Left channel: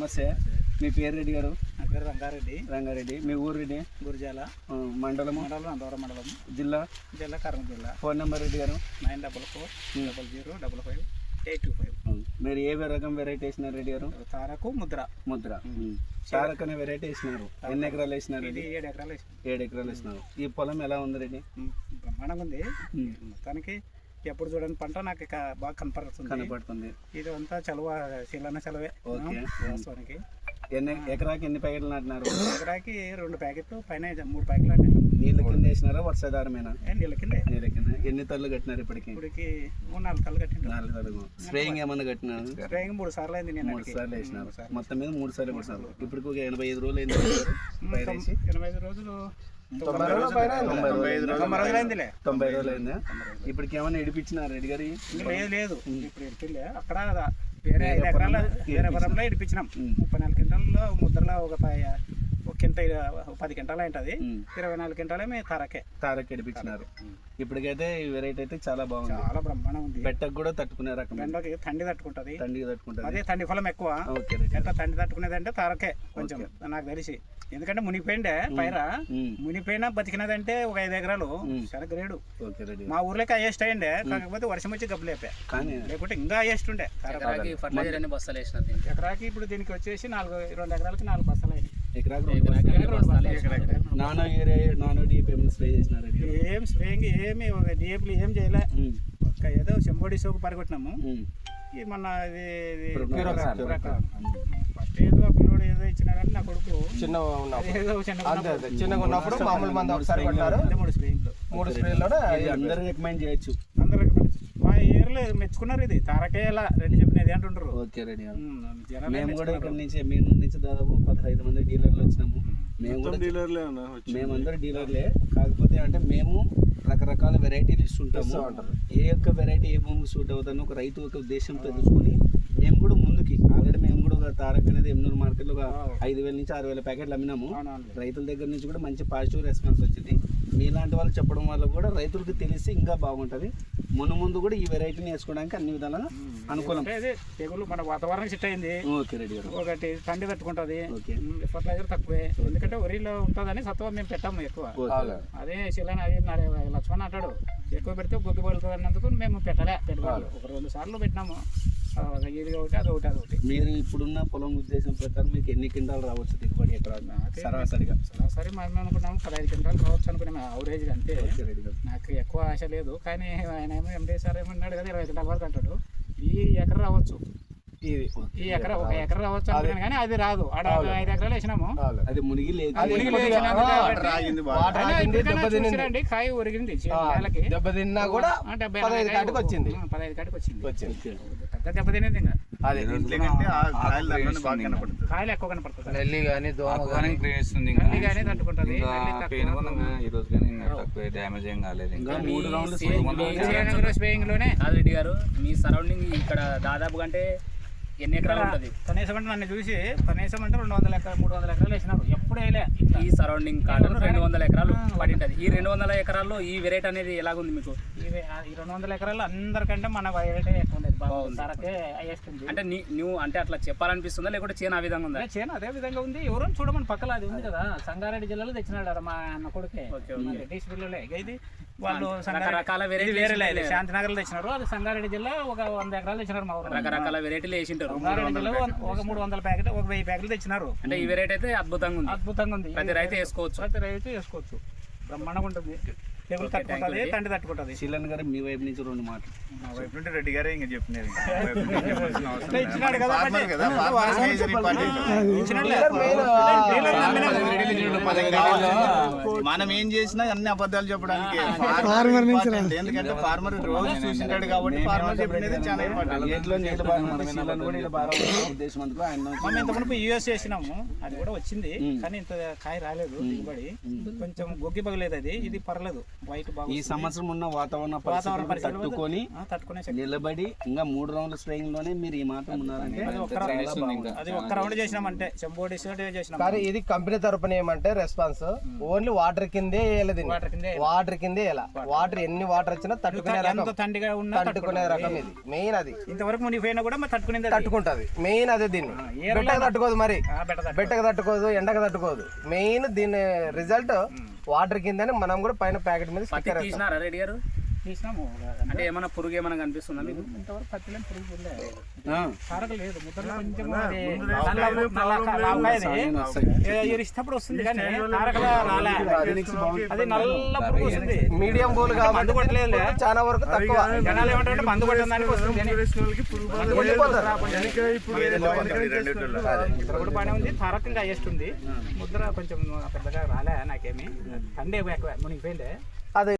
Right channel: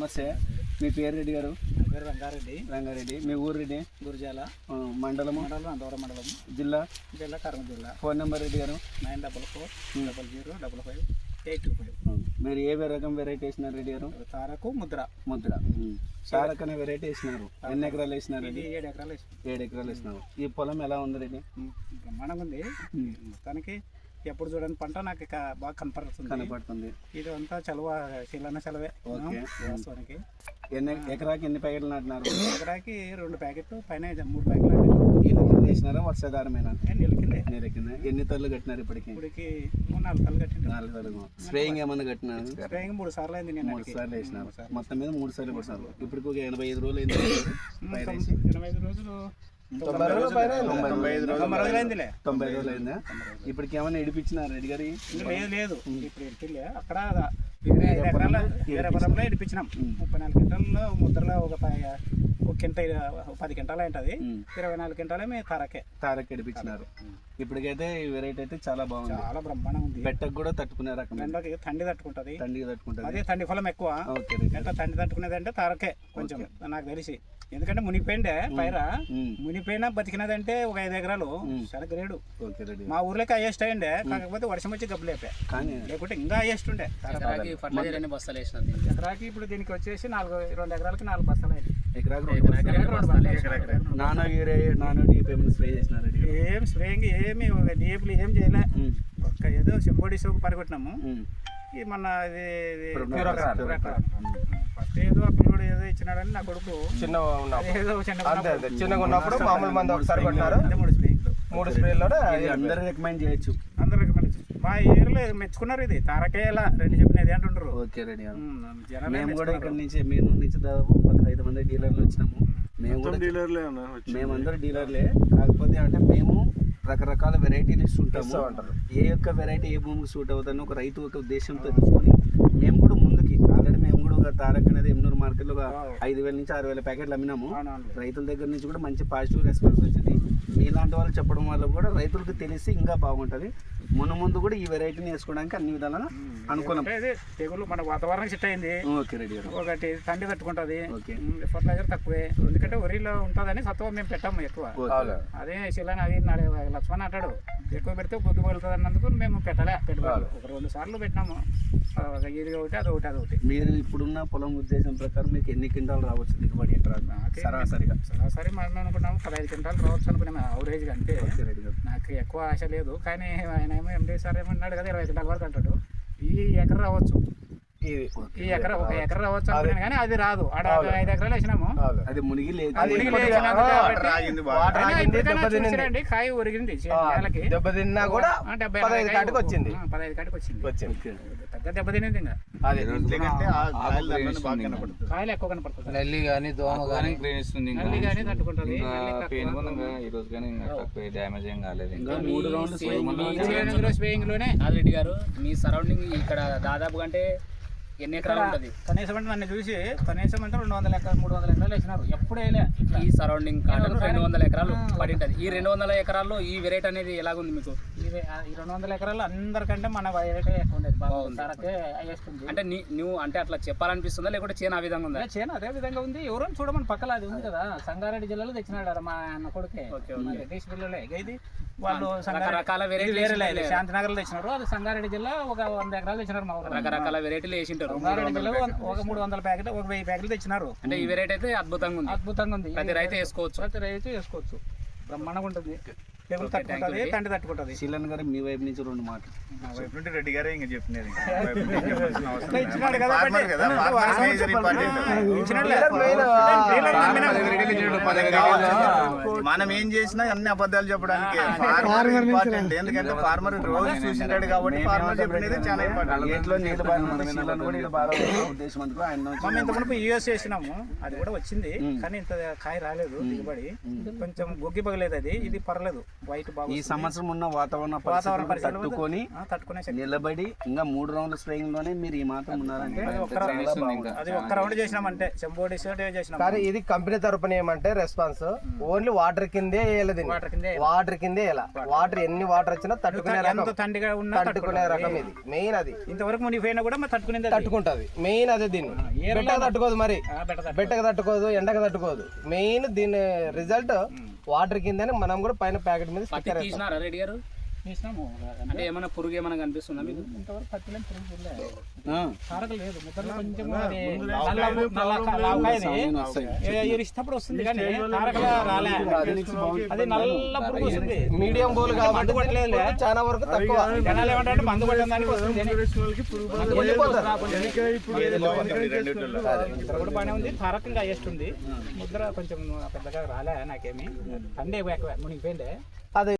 నమస్తే, మీ పేరు రెడ్డి గారు? నా పేరు రంగారెడ్డి. రంగారెడ్డి. మీ ఊరు రెడ్డి? గురిజాల మండలము? అందవరం మండలం. జిల్లా? కర్నూలు జిల్లా. ఫోన్ నెంబర్ రెడ్డి గారు? 9440055825. మీరు ఏ రకం వెరైటీ వేసినారు రెడ్డి గారు? తారకు ముద్ర. తారక్ అనే వెరైటీ వేసినారు. ఎన్ని ఎకరాలు వేసినారు? 7 ఎకరాలు వేసినారు. 7 ఎకరాలు వేసినారు. ఈ పొలం ఎలా ఉంది రెడ్డి? బ్రహ్మాండంగా ఉంది. మొత్తానికి ఎప్పుడు చూడని పంట నాకు బాగా కనపడుతుంది. ఇది అంతా చలువ శీలన సెలవే వాస్తవానికి. ఎకరాకి ఎన్ని ప్యాకెట్లు నాటినారు? ఎకరాకి 2 ప్యాకెట్లు పైన 3 ప్యాకెట్లు నాటినారు. నీళ్ళ కింద వేసినారా వర్షాధారమేనా? నీళ్ళ కింద. ఎన్ని తల్లు కట్టినారు ఇప్పటికి? 3-4 తల్లు కట్టినారు. 4 తల్లు. స్ప్రేయింగ్ ఏమన్నా కట్టినారు? స్ప్రేయింగ్ 3 సార్లు అయింది. 3 సార్లు వేసినారు. మొత్తం మీద 3 సార్లు కొట్టినారు. ఇప్పటికి ఒక 85 రోజులు అయింది. 85 రోజులు 90 రోజులు అయిందా? ఇప్పటికి ఏమన్నా ఇడిపించినారు రెడ్డి గారి? లేదు. ఇప్పుడు ఇడిపిలే. అక్కడ వేరే 5 ఎకరాల పొలంలో ఇడిపించినాం. 34 క్వింటాల్లో ముద్రలో ఒక 10 క్వింటాలు ఉంటుంది. 24 క్వింటాలే మేము తారక్ ఇడిపించినారు. ఇప్పటికైతే ఈ వెరైటీ అయితే చాలా బాగుంది. చాలా బ్రహ్మాండంగా ఉంది. బెట్టకు కూడా తట్టుకునే రకం. బెండకి తండి తట్టుకుంటది. అదే తండి ఫలం ఎక్కువ. ఓకే. ఎట్లా తండి తట్టుకునేది అంటే తారకే కొంచెం నాకు తెలిసి. ఎందుకంటే మునిగిపోయిండే పైర. మునిగిపోయినా బతికినదంటే ఒక 5 ఎకరాలు చాలా గ్రేడు. మా ఊర్లోకి హైయెస్ట్ అయ్యిండే. కాకపోతే వర్షం వచ్చి గబ్బు లేపా. లేకుంటే ఇంకా హైయెస్ట్ ఉండే. ఎకరాకి ఇప్పుడు దీనికి వచ్చేసి 2 ఎకరాలకి 4 బస్తాలు అయ్యాయి. ఏం స్ప్రేయింగ్ ఏమి డిఏపులు ఏం చేయలే. ఒక్క ఏదో చెంబోడి సోకు పరిగొట్టినాము. ఈ మన ఫస్ట్ ఏదో ఆ పిల్లోడు ఏదో ఇచ్చినాడని నా కొడుకు చిన్నగా ఉన్నప్పుడు మామూలు మంది ఒకసారి కొట్టినారు. 3 స్ప్రేలు అందరూ రికమెండ్ చేయొచ్చు. మా ఏరియాలో మెచ్చుకున్నారు. ఇది తారకేలా రెడ్డి చెప్పినది అంటుండ్రు. ఓకే రెడ్డి. మేము కూడా ఇక్కడ నుంచి దాదాపు 15 మంది డీలర్లు వచ్చినాము. మేమందరూ డీలర్లే. కాకపోతే అంటే మేము రకరకాల వెరైటీలు ఇస్తుంటాము. ఏ యొక్క వెరైటీ ఏ భూమికి సూట్ అవుతుందని ఒక రైతు ఒక ఉద్దేశంతో తెలుసుకొని మేము కూడా ముందుకి ఆల్రెడీ మేము కూడా ఒక తారక్ అనేది ఎమ్నూరు మార్కెట్లో ఒక 5,000 నుంచి 6,000 ప్యాకెట్లు అమ్మినాము. రైతుల దగ్గర నుంచి కూడా మంచి పాజిటివ్ రెస్పాన్స్ వచ్చింది. మీలాంటి వాళ్ళు చెప్పడం వల్ల కూడా రైతులకు తెలిసి ఇంకా బాగుంటుంది. ముందు కూడా ఈ వెరైటీని వేసుకోవడానికి అన్ని విధాలుగా అనుకూలం. తెగులు మన వాతావరణం సెట్ అయింది. Okay ready. ఒకటి తండ్రి తట్టుకుంటుంది. ఫర్టిలైజర్ తక్కువే. ఎందుకంటే వరిలో ఉంటుందని సత్వ మేము పెట్టాము ఎక్కువ. అదే శిలని అది లక్ష్మణ్ అంటాడు ఎక్కువ పెడితే బొగ్గు పలుతుంది అన్నందుకు మేము పెట్టలే. పెట్టుబడులు ఒక 2 సార్లు పెట్టినాము. ఇది ఒకటి అదొకటి. మీరు ఇప్పుడున్న పొలం ఉద్దేశం ప్రకారం మీకు ఎన్ని క్వింటాలు రావచ్చు దిగుబడి ఎకరా సరాసరి మనం అనుకున్నాము 15 క్వింటాలు రావచ్చు అనుకున్నాము అవరేజ్గా. అంతే. నాకు ఎక్కువ ఆశ లేదు. కానీ ఆయన ఏమో ఎండి సార్ ఏమన్నాడు కదా 20 క్వింటాల వరకు అంటాడు. ఈ ఎకర రావచ్చు. ఈ ఎకర ఒక ఎకర రావచ్చు అనుకున్నాను కానీ అది రాదు. 5 ఎకరాలు వేసినాము. అది మునిగి లేదు. కాయ ఒరిగింది. దెబ్బతిన్నా కూడా 15 కాటికి వచ్చింది. పెద్ద దెబ్బ తినేది. ఇంకా కాయలు ఎక్కువ కనపడుతుంది. నల్లి కానీ దోమ కానీ తట్టుకుంటుంది. డ్యామేజ్ ఏం కాలేదు. స్ప్రేయింగ్ లోనే రెడ్డి గారు మీ సరౌండింగ్ ఇక్కడ దాదాపు అంటే ఎన్ని ఎకరాలు ఉంటుంది? కనీసం అంటే నన్ను చూసి కనీసం అంటే 200 ఎకరాలు 300 ఎకరాలు వేసినారు. ఎప్పుడు వేయలే. ఈ సరౌండింగ్ కాటన్ 200 ఎకరాలు పడి ఉంటుంది. ఈ 200 ఎకరాల్లో ఈ వెరైటీ అనేది ఎలాగుంది మీకు? ఈ 200 ఎకరాలు అందరికంటే మన వెరైటీ ఎక్కువ ఉండేది. అంటే నువ్వు అంటే అట్లా చెప్పాలనిపిస్తుందా లేకుంటే చేను ఆ విధంగా ఉందా? చేను అదే విధంగా ఉంది. ఎవరైనా చూడమని పక్కల అది ఉంది కదా. సంగారెడ్డి జిల్లాలో తెచ్చినాడు మా అన్న కొడుకే. రెడ్డిస్ పిల్లలే ఇది. వాళ్ళు రకరకాల వెరైటీ వేరే శాంతినగర్ లో తెచ్చినారు. అది సంగారెడ్డి జిల్లా ఒక 100 ఎకరాలు తెచ్చినారు. మా రకరకాల వెరైటీలు వేసింటారు. సంగారెడ్డి జిల్లా ఒక 300 ప్యాకెట్ ఒక 1000 ప్యాకెట్లు తెచ్చినారు. అంటే ఈ వెరైటీ అయితే అద్భుతంగా ఉంది. ప్రతి రైతు వేసుకోవచ్చు. బ్రహ్మాండంగా ఉంటుంది. తెగులు తట్టుకుంటుంది. తండ్రి తట్టుకుంటుంది. శీలన్ గారు మీ వైపు నుంచి 2 మాటలు. మా వైపు నుండి రెడ్డి గారే ఇంకా చెప్పినది. మనం ఏం చేసినా అన్ని అబద్ధాలు చెప్పడానికి ఇంపార్టెంట్. ఎందుకంటే ఫార్మర్ రోజు చూసింటాడు కాబట్టి ఫార్మర్ చెప్పినది చాలా ఇంపార్టెంట్. ఇంతకుముందు యూఎస్ చేసినాము. అది కూడా వచ్చింది కానీ ఇంత కాయ రాలేదు. దిగుబడి కొంచెం గొగ్గి పగలేదు. ఇది పర్లేదు. వైట్ ఈ బాగా సంవత్సరం ఉన్న వాతావరణ వాతావరణ పరిస్థితులు పరిస్థితులు తట్టుకొని తట్టుకునే శక్తి. నిలబడి ఇంకా 3 రౌండ్ల స్ప్రేయింగ్ లోనే మీరు ఈ మాత్రం ఉన్నారంటే అది ఒక్క రౌండ్ చేసినామంటే చెంబోడి చేసినాం. కానీ ఇది కంపెనీ తరపున ఏమంటే రెస్పాన్స్ ఓన్లీ వాటర్ కిందే వేయలేదు, వాటర్ కిందే వాటర్ కిందే ఇలా వాటర్ ఎన్ని వాటర్ వచ్చినా తట్టుకునే రకం, ఎంత తండిగా ఉన్నా తట్టుకునే రకం ఇది మెయిన్. అది ఇంతవరకు మునిగిపోయినా కూడా మరి తట్టుకునేది తట్టుకుంటది మెయిన్, అదే దీన్ని బెట్టకు తట్టుకోదు, మరి బెట్టకు తట్టుకోదు, ఎండకు తట్టుకోదు. మెయిన్ దీని రిజల్ట్ వాటర్ కిందని మనం కూడా పైన ప్యాకెట్ మీద స్టిక్కర్ వేస్తాం. తీసినారా రెడ్డి గారు? తీసినాము. అంటే ఏమైనా పురుగు ఏమైనా కనిపిస్తుందా మీకు? ఇంతవరకు పత్తిలో పురుగు చూడలే. ఆ, కారక లేదు, ముద్రలో కొంచెం అది ఇరిచినప్పుడు వస్తుంది కానీ కారకలా రాలే. అది నల్ల పురుగు వస్తుంది. మీడియం బోల్ మందు కాబట్టి కొట్టలేదు, చాలా వరకు తక్కువ. జనాలు ఏమంటారంటే మందు కొట్టడానికి వస్తుంది అని. ఇక్కడ కూడా బాగానే ఉంది, తారక ఇంకా హైయెస్ట్ ఉంది. ముద్ర కొంచెం పెద్దగా రాలే నాకేమి, తండే ఎక్కువ మునిగిపోయిందే. అది